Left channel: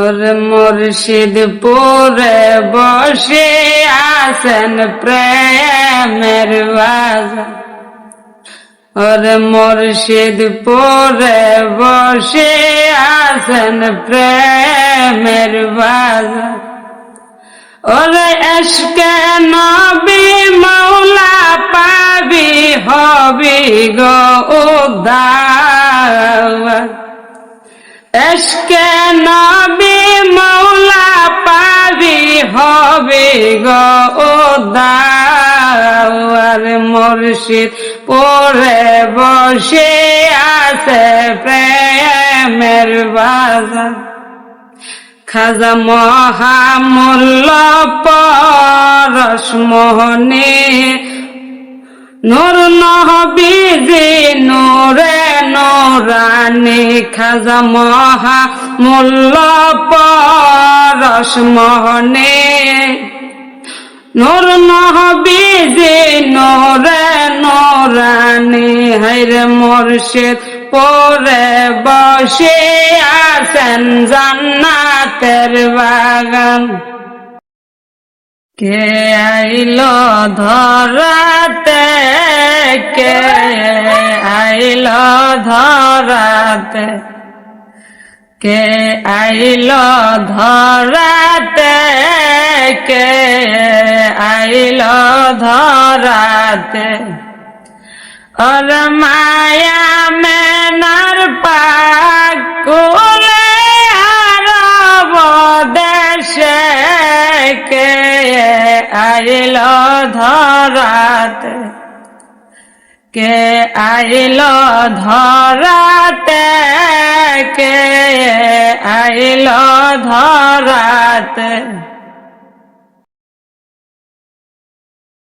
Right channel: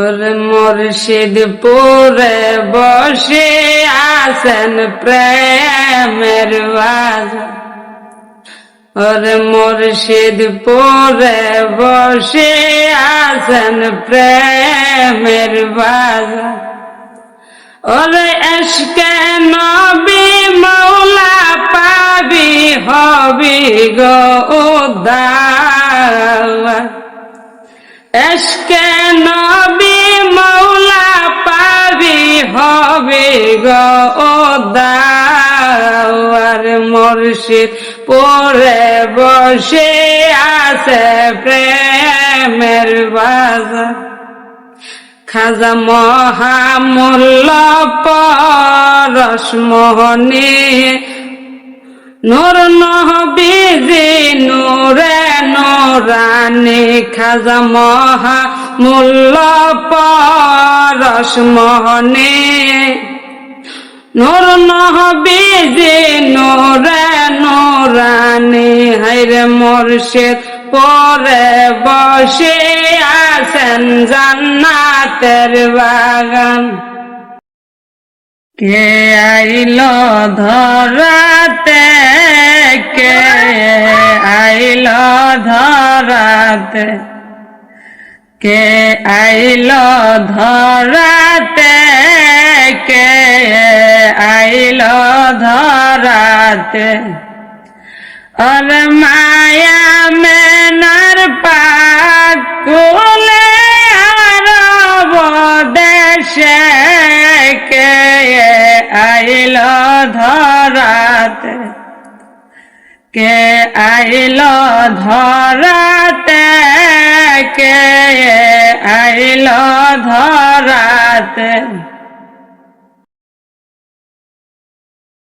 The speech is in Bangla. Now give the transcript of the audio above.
ওরে মুর্শিদপুরে বসে আছেন প্রেমের বাজার। ওরে মুর্শিদপুরে বসে আছেন প্রেমের বাজার। ওরে এশকে নবী মৌলা পাবি হবি গো উদ্ধার। এশকে নবী মৌলা পাবি হবি গো উদ্ধার। মুর্শিদ পরে বসে আছে প্রেমের বাজার। খাজা মহামূল্য পরশমোহনী নূর নবীজি নূরে নূরানী। খাজা মহামূল্য পরশমোহনী নূর নবীজি নূরে নূরানী। হায়রে মুর্শিদ পরে বসে আছেন জান্নাতের বাগান। কে আইলো ধরাতে, কে আইলো ধরাতে, কে আইলো ধরাতে, কে আইলো ধরাতে। ওর মায়া মেনার পাক কুলে আরব দেশে কে আইলো ধরাতে, কে আইলো ধরাতে, কে আইলো ধরাতে।